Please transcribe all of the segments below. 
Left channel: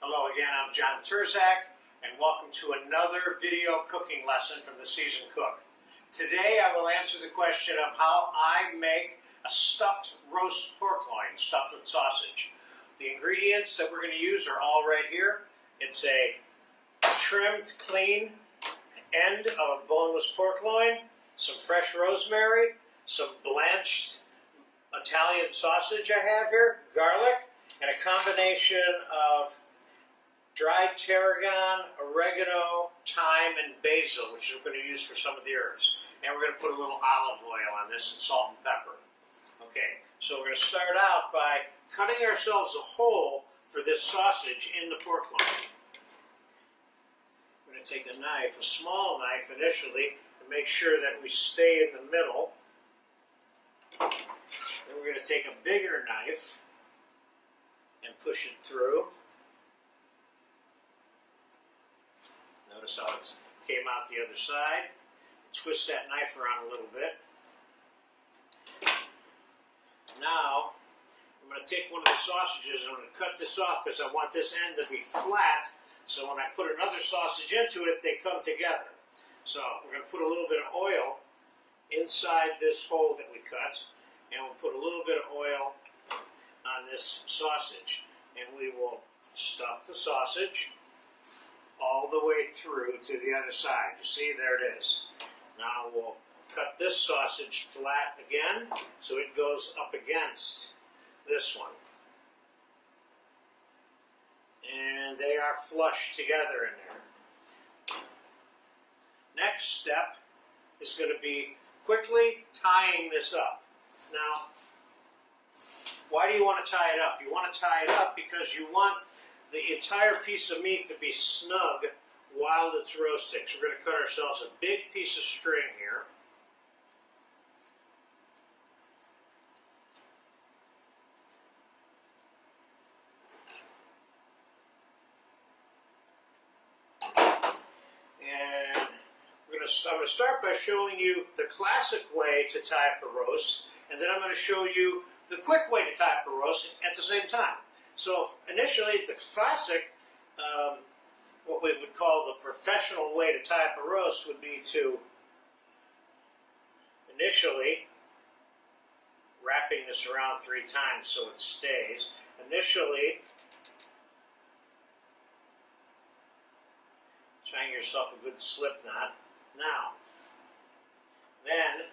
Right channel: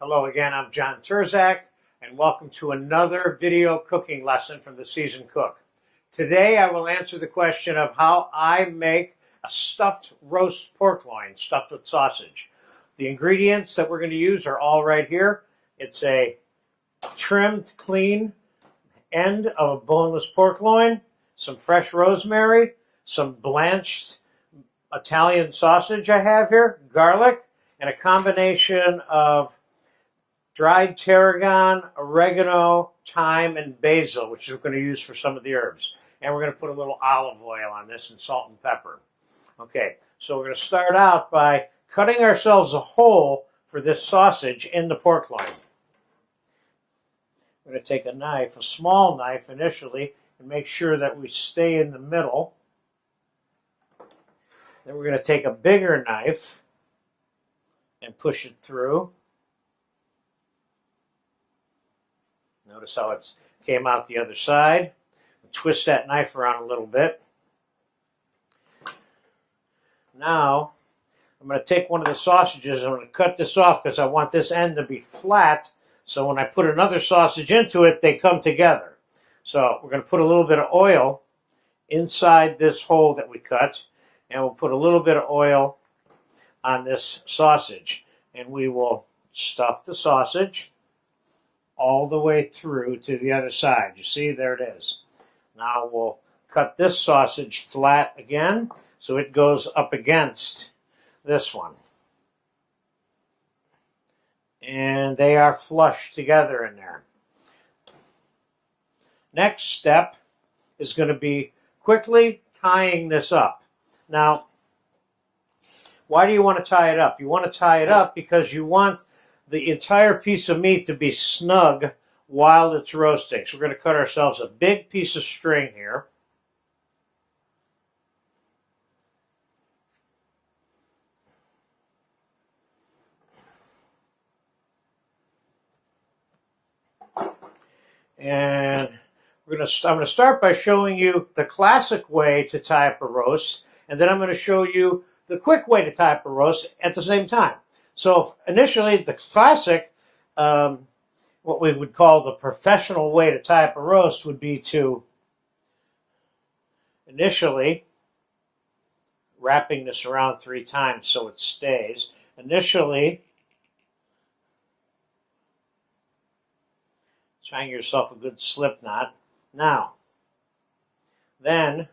Hello again, I'm John Terzak, and welcome to another video cooking lesson from the Seasoned Cook. Today I will answer the question of how I make a stuffed roast pork loin stuffed with sausage. The ingredients that we're going to use are all right here. It's a trimmed, clean end of a boneless pork loin, some fresh rosemary, some blanched Italian sausage I have here, garlic, and a combination of dried tarragon, oregano, thyme, and basil, which we're going to use for some of the herbs. And we're going to put a little olive oil on this and salt and pepper. Okay, so we're going to start out by cutting ourselves a hole for this sausage in the pork loin. We're going to take a knife, a small knife initially, and make sure that we stay in the middle. Then we're going to take a bigger knife and push it through. Notice how it came out the other side. Twist that knife around a little bit. Now, I'm going to take one of the sausages and I'm going to cut this off because I want this end to be flat, so when I put another sausage into it, they come together. So we're going to put a little bit of oil inside this hole that we cut, and we'll put a little bit of oil on this sausage, and we will stuff the sausage all the way through to the other side. You see, there it is. Now we'll cut this sausage flat again so it goes up against this one. And they are flush together in there. Next step is going to be quickly tying this up. Now, why do you want to tie it up? You want to tie it up because you want the entire piece of meat to be snug while it's roasting. So we're going to cut ourselves a big piece of string here. And I'm going to start by showing you the classic way to tie up a roast, and then I'm going to show you the quick way to tie up a roast at the same time. So initially, the classic, what we would call the professional way to tie up a roast would be to initially, wrapping this around 3 times so it stays, initially tying yourself a good slip knot. Now, then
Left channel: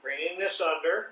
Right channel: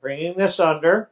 bringing this under,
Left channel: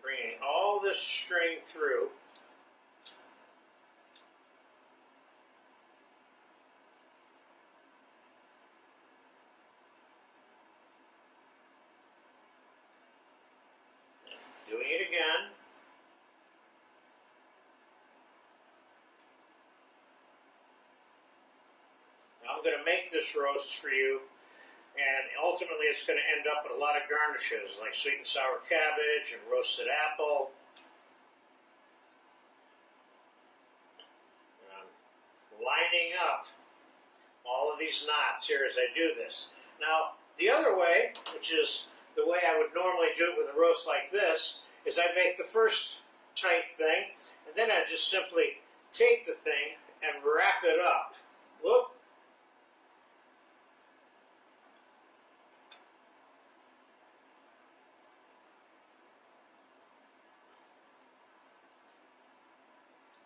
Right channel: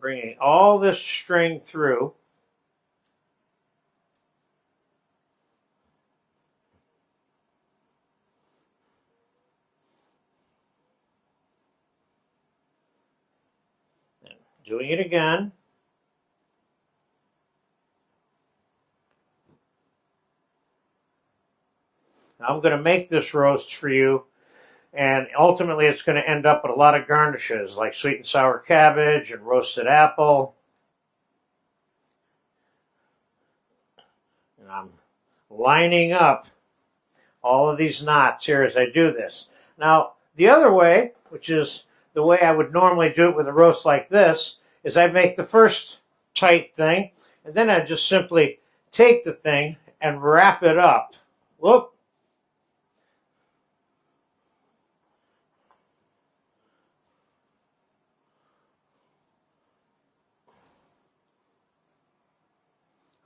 bringing all this string through. Doing it again. Now I'm going to make this roast for you, and ultimately it's going to end up with a lot of garnishes like sweet and sour cabbage and roasted apple. And I'm lining up all of these knots here as I do this. Now, the other way, which is the way I would normally do it with a roast like this, is I make the first tight thing, and then I just simply take the thing and wrap it up. Whoop.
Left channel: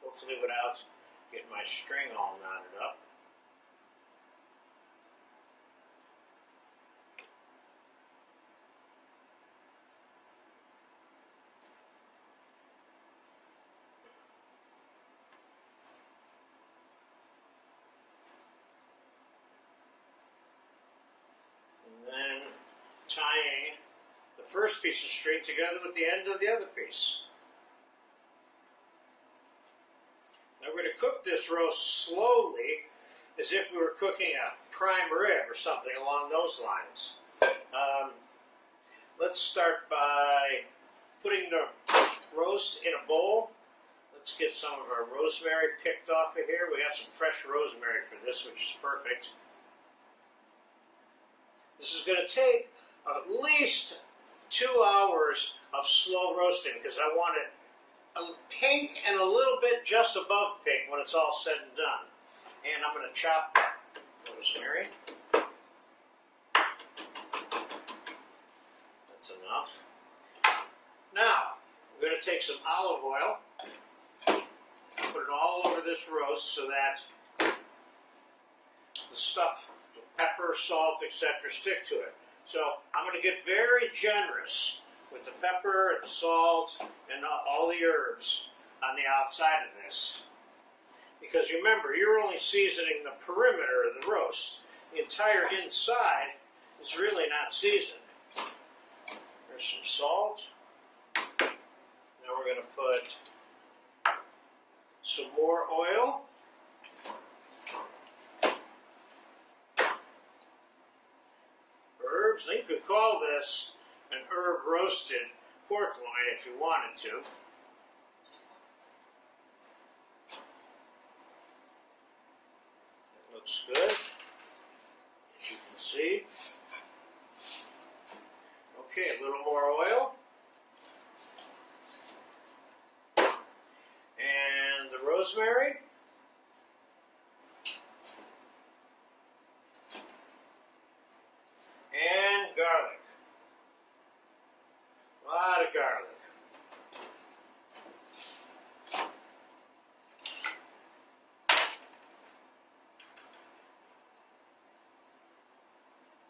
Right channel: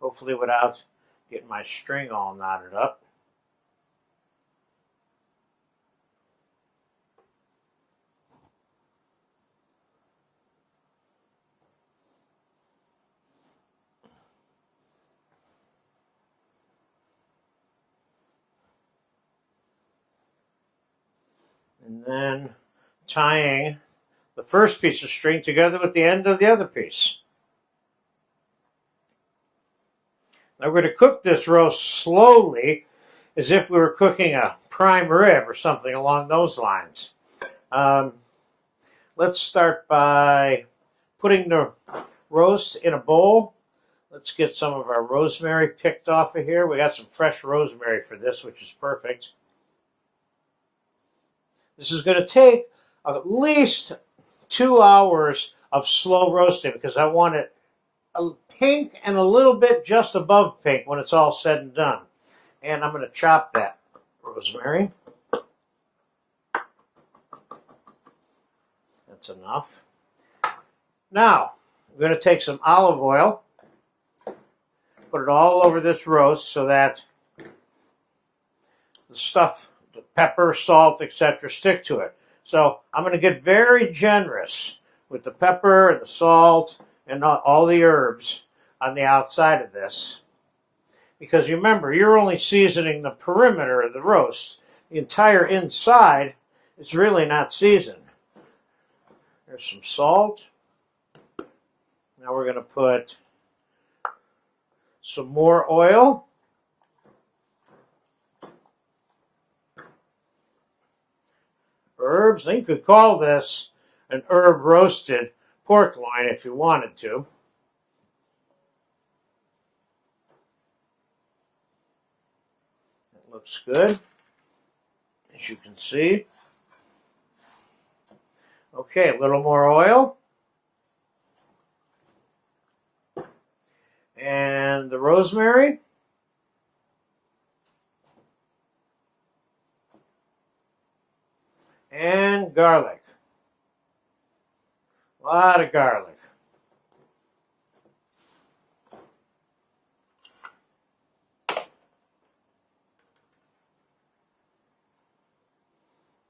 Hopefully without getting my string all knotted up. And then tying the first piece of string together with the end of the other piece. Now we're going to cook this roast slowly as if we were cooking a prime rib or something along those lines. Let's start by putting the roast in a bowl. Let's get some of our rosemary picked off of here. We got some fresh rosemary for this, which is perfect. This is going to take at least 2 hours of slow roasting because I want it a pink and a little bit just above pink when it's all said and done. And I'm going to chop that rosemary. That's enough. Now, I'm going to take some olive oil, put it all over this roast so that the stuff, the pepper, salt, etc., stick to it. So I'm going to get very generous with the pepper and the salt and all the herbs on the outside of this. Because you remember, you're only seasoning the perimeter of the roast. The entire inside is really not seasoned. There's some salt. Now we're going to put some more oil. Herbs. Now you could call this an herb roasted pork loin if you wanted to. It looks good, as you can see. Okay, a little more oil. And the rosemary. And garlic. A lot of garlic.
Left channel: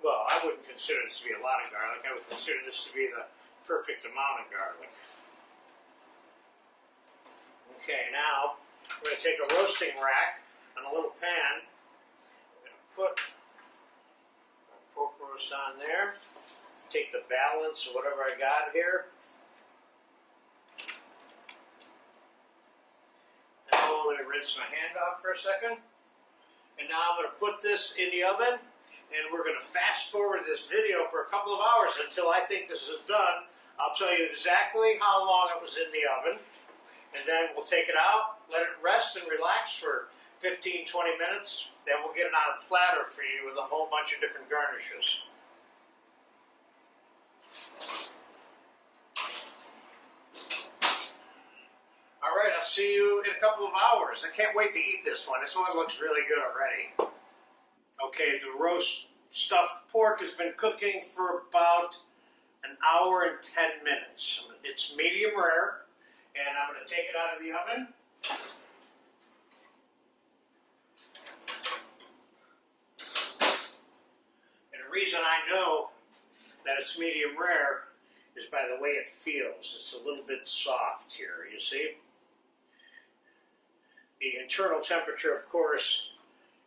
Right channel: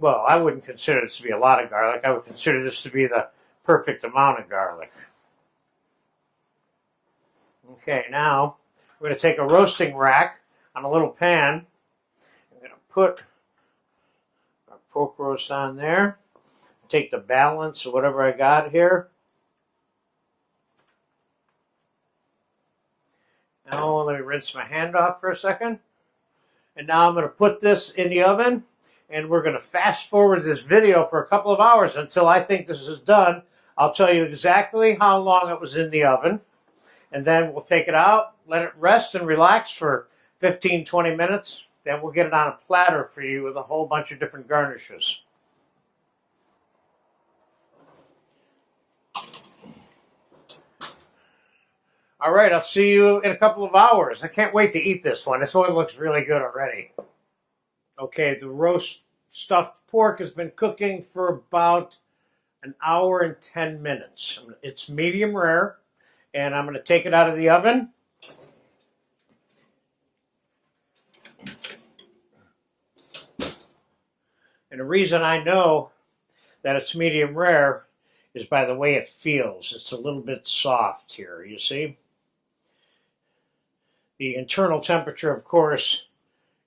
Well, I wouldn't consider this to be a lot of garlic. I would consider this to be the perfect amount of garlic. Okay, now we're going to take a roasting rack on a little pan. I'm going to put our pork roast on there. Take the balance of whatever I got here. Now let me rinse my hand off for a second. And now I'm going to put this in the oven. And we're going to fast forward this video for a couple of hours until I think this is done. I'll tell you exactly how long it was in the oven. And then we'll take it out, let it rest and relax for 15-20 minutes. Then we'll get it on a platter for you with a whole bunch of different garnishes. All right, I'll see you in a couple of hours. I can't wait to eat this one. This one looks really good already. Okay, the roast stuffed pork has been cooking for about an hour and 10 minutes. It's medium rare, and I'm going to take it out of the oven. And the reason I know that it's medium rare is by the way it feels. It's a little bit soft here, you see? The internal temperature, of course,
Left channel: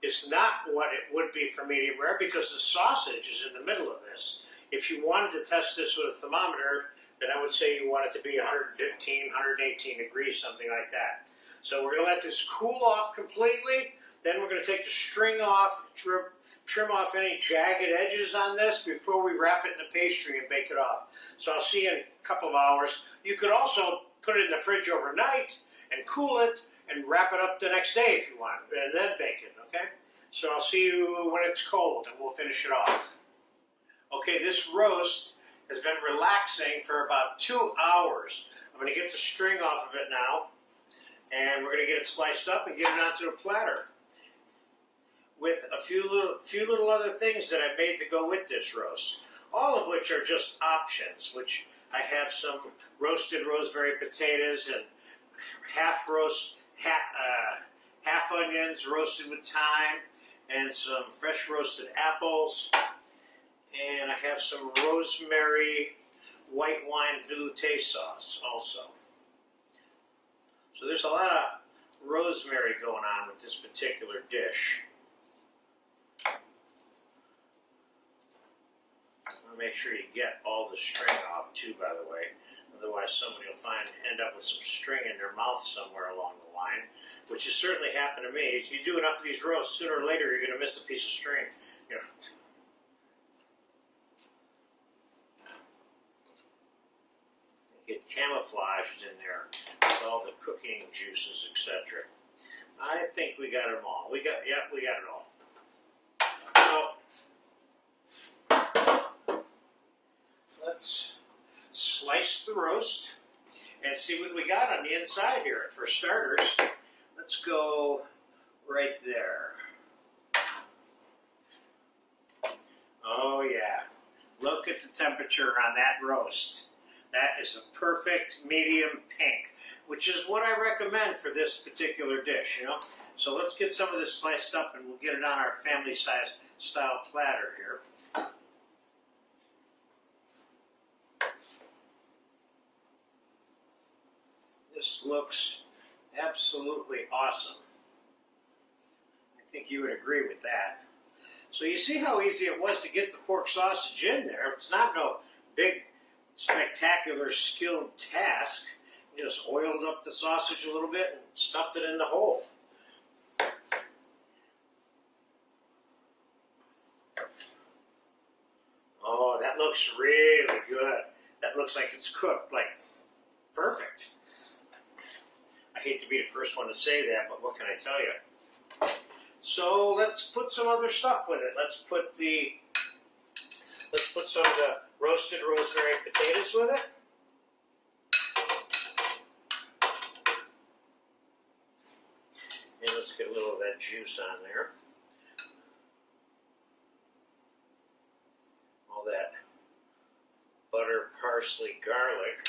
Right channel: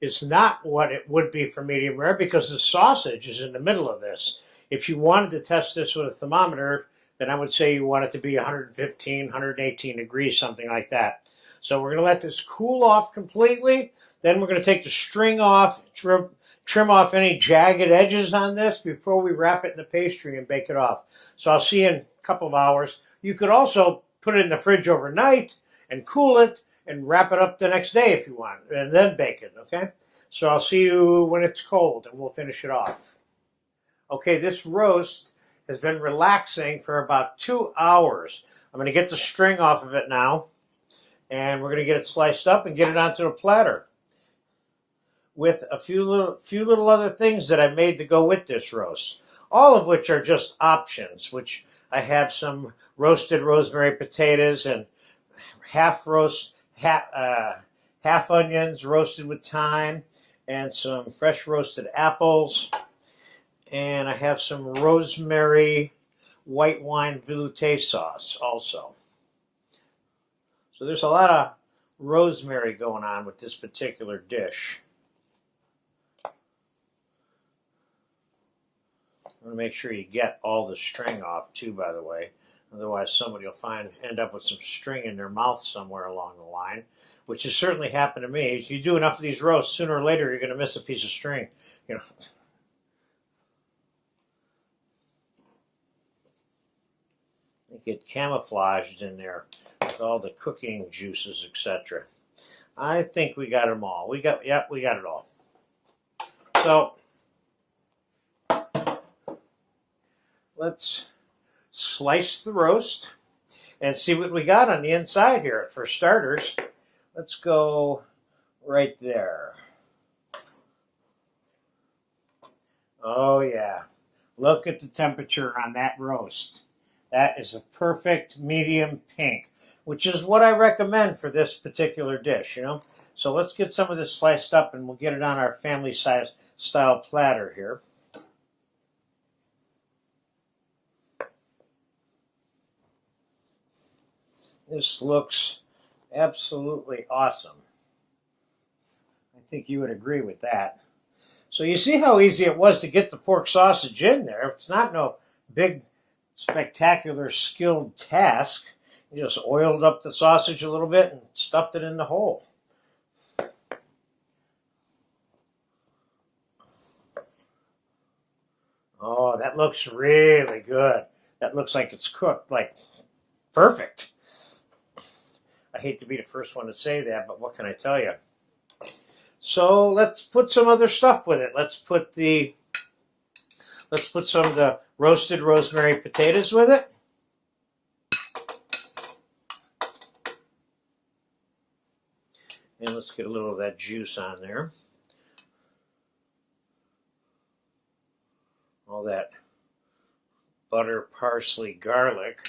is not what it would be for medium rare because the sausage is in the middle of this. If you wanted to test this with a thermometer, then I would say you want it to be 115, 118 degrees, something like that. So we're going to let this cool off completely. Then we're going to take the string off, trim off any jagged edges on this before we wrap it in the pastry and bake it off. So I'll see you in a couple of hours. You could also put it in the fridge overnight and cool it and wrap it up the next day if you want, and then bake it, okay? So I'll see you when it's cold, and we'll finish it off. Okay, this roast has been relaxing for about 2 hours. I'm going to get the string off of it now, and we're going to get it sliced up and get it onto a platter with a few little other things that I made to go with this roast, all of which are just options, which I have some roasted rosemary potatoes and half onions roasted with thyme, and some fresh roasted apples, and I have some rosemary white wine veloute sauce also. So there's a lot of rosemary going on with this particular dish. I'm going to make sure you get all the string off too, by the way. Otherwise, somebody will end up with some string in their mouth somewhere along the line, which has certainly happened to me. If you do enough of these roasts, sooner or later, you're going to miss a piece of string. You know. You get camouflaged in there with all the cooking juices, etc. I think we got them all. We got it all. So let's slice the roast. and see what we got on the inside here. For starters, let's go right there. Oh yeah, look at the temperature on that roast. That is a perfect medium pink, which is what I recommend for this particular dish, you know. So let's get some of this sliced up and we'll get it on our family size style platter here. This looks absolutely awesome. I think you would agree with that. So you see how easy it was to get the pork sausage in there. It's not no big, spectacular, skilled task. You just oiled up the sausage a little bit and stuffed it in the hole. Oh, that looks really good. That looks like it's cooked, like, perfect. I hate to be the first one to say that, but what can I tell you? So let's put some other stuff with it. Let's put some of the roasted rosemary potatoes with it. And let's get a little of that juice on there. All that butter, parsley, garlic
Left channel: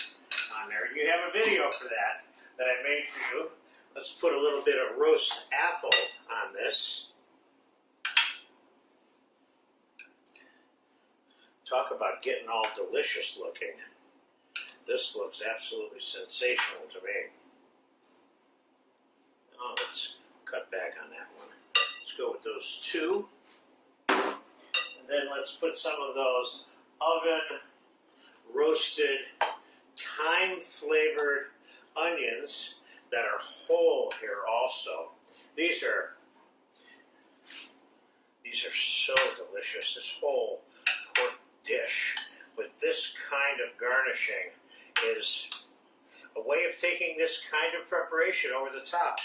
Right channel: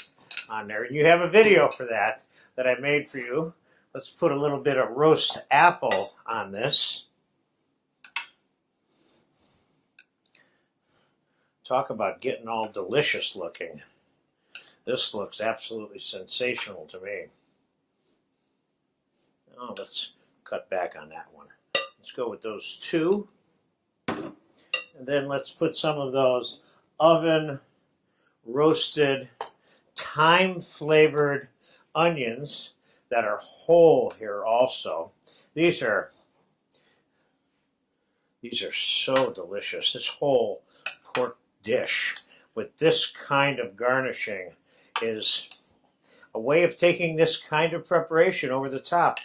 on there. You have a video for that I made for you. Let's put a little bit of roast apple on this. Talk about getting all delicious looking. This looks absolutely sensational to me. Oh, let's cut back on that one. Let's go with those two. And then let's put some of those oven roasted, thyme flavored onions that are whole here also. These are so delicious. This whole pork dish with this kind of garnishing is a way of taking this kind of preparation over the top.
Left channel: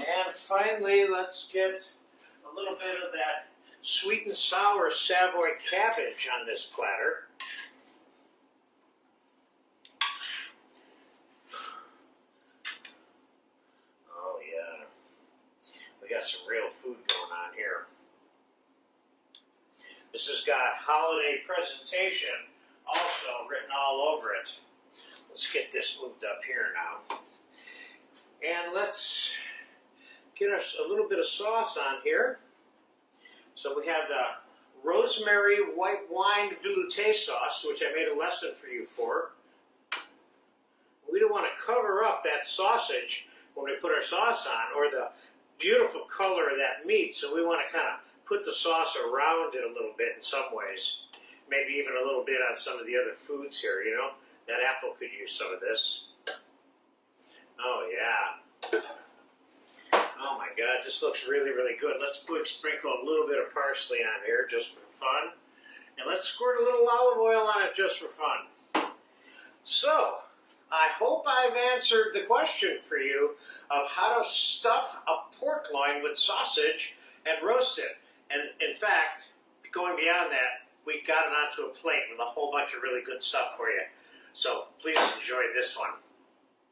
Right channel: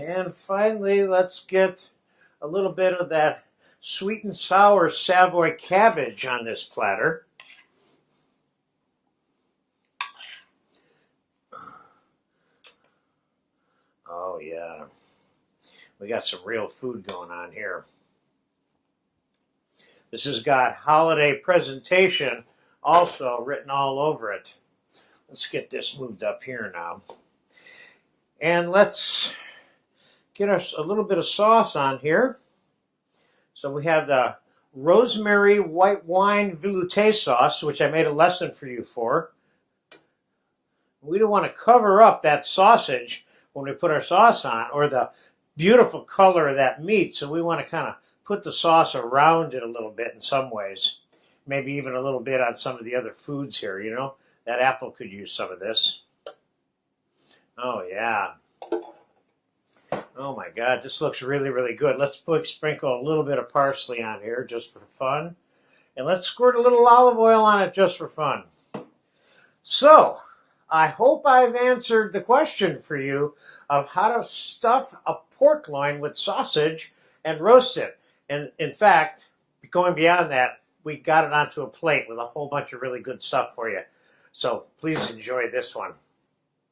And finally, let's get a little bit of that sweet and sour Savoy cabbage on this platter. Oh yeah, we got some real food going on here. This has got holiday presentation also written all over it. Let's get this moved up here now. And let's get us a little bit of sauce on here. So we have the rosemary white wine veloute sauce, which I made a lesson for you for. We don't want to cover up that sausage when we put our sauce on, or the beautiful color of that meat, so we want to kind of put the sauce around it a little bit in some ways. Maybe even a little bit on some of the other foods here, you know. That apple could use some of this. Oh yeah. Oh my God, this looks really, really good. Let's sprinkle a little bit of parsley on here just for fun. And let's squirt a little olive oil on it just for fun. So, I hope I've answered the question for you of how to stuff a pork loin with sausage and roast it. And in fact, going beyond that, we got it onto a plate with a whole bunch of really good stuff for you. So please enjoy this one.